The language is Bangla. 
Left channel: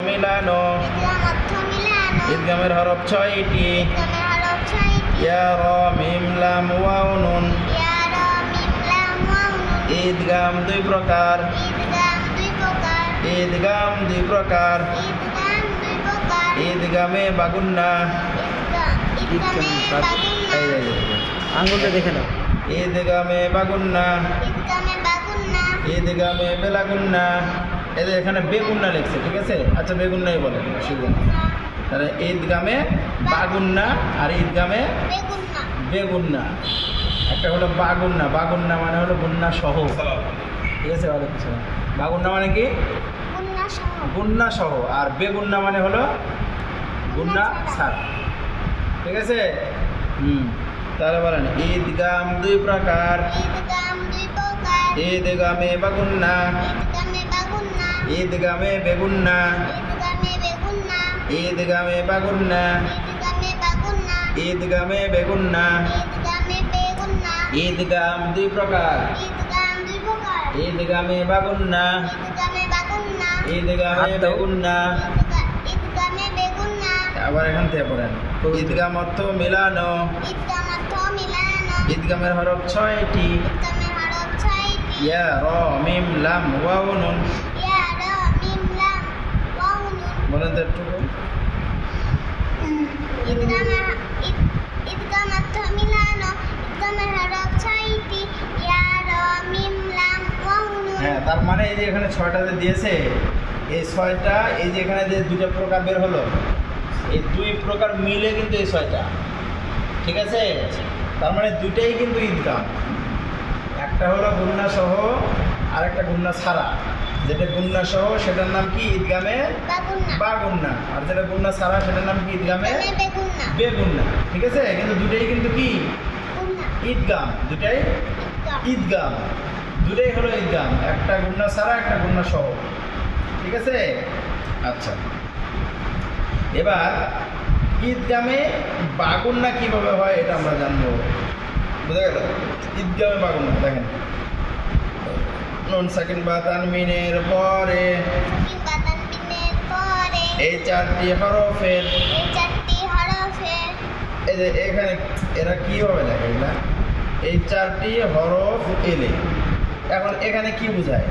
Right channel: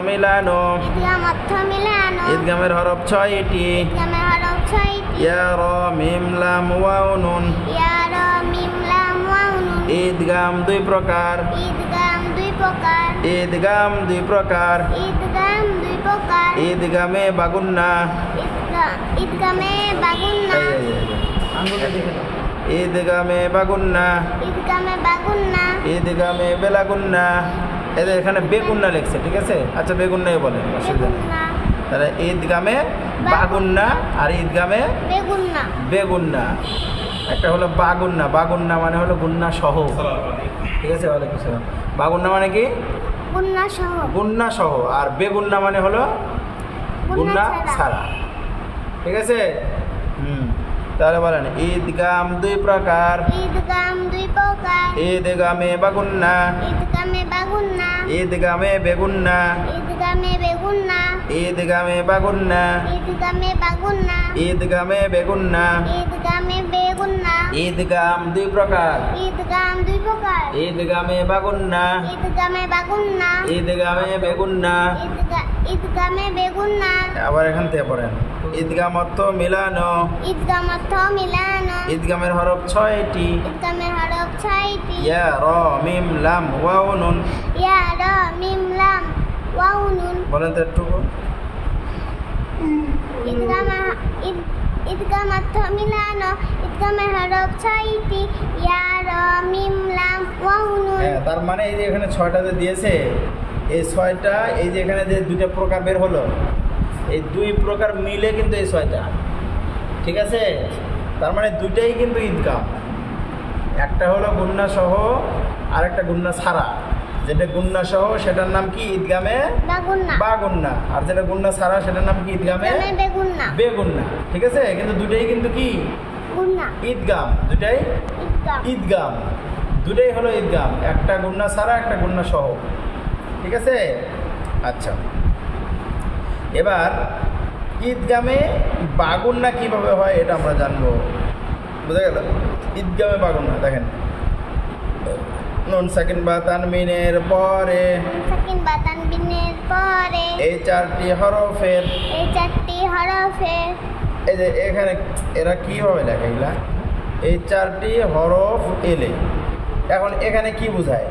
মিলানো ঈদগামের হরফ 6টি ইয়া রা মিম লাম ওয়াও নুন ঈদগাম দুই প্রকার ঈদগাম দুই প্রকার ঈদগামে বাগুন্না ঈদগামে বাগুন্না ঈদগামে বেলাগুন্না এদের এখানে বেগুন্না লিখছে, ঠিক আছে? আচ্ছা বেগুন্নাই বলে, অসুবিধা নেই। তাহলে ঈদগামে বাগুন্না আর ঈদগামে বেগুন্না। একটা হলো বাগুন্না, বাগুন্না মানে হলো গুন্না সহ, ঠিক আছে? ওয়ালাইকুম আসসালাম। বাগুন্না মানে কি? গুন্না সহ। আর বেগুন্না মানে হলো গুন্না ছাড়া, ঠিক আছে? তাহলে বলেন ঈদগাম দুই প্রকার ঈদগামে বাগুন্না ঈদগামে বেগুন্না ঈদগামে বাগুন্না ঈদগামে বেগুন্না ঈদগাম দুই প্রকার ঈদগামে বাগুন্না ঈদগামে বেগুন্না। আবার এখান থেকে পড়েন ঈদগাম অর্থ মিলানো ঈদগামের হরফ 6টি ইয়া রা মিম লাম ওয়াও নুন। বলেন তো একটু ঈদগাম অর্থ মিলানো ঈদগামের হরফ 6টি ইয়া রা মিম লাম ওয়াও নুন। হ্যাঁ, তার মানে এই যে এখানে 6টাতে দিয়েছে, এই 6টা এই যে এখানে যে দুটো প্রকার বের হলো, এই দুই প্রকার মিলে কিন্তু এই 6টা, ঠিক আছে? তার মানে দুটাই কিন্তু ঈদগাম। একটা হলো গুন্না সহ আর একটা গুন্না ছাড়া। যেটা গুন্না সহ সেটার নাম কি? ঈদগামে বাগুন্না। আর যেটা গুন্না ছাড়া সেটার নাম কি? ঈদগামে বেগুন্না, ঠিক আছে? কিন্তু দুটাই কিন্তু কি? ঈদগাম। দুটাই ঈদগাম, দুটাই হলো ঈদগাম। একটা গুন্না ছাড়া একটা গুন্না সহ, ঠিক আছে? আচ্ছা, এবার ঈদগামে বাগুন্না কিভাবে হয় এটা আমরা জানবো, বুঝা গেল? ঈদগামে বাগুন্না দেখেন, নুন সাকিন বা তানবিনের পরে এই 4টি হরফের এই যে এখানে এরা কিভাবে লেখে? এই 4টি হরফ এলে এখন এখানে কি বোঝায়?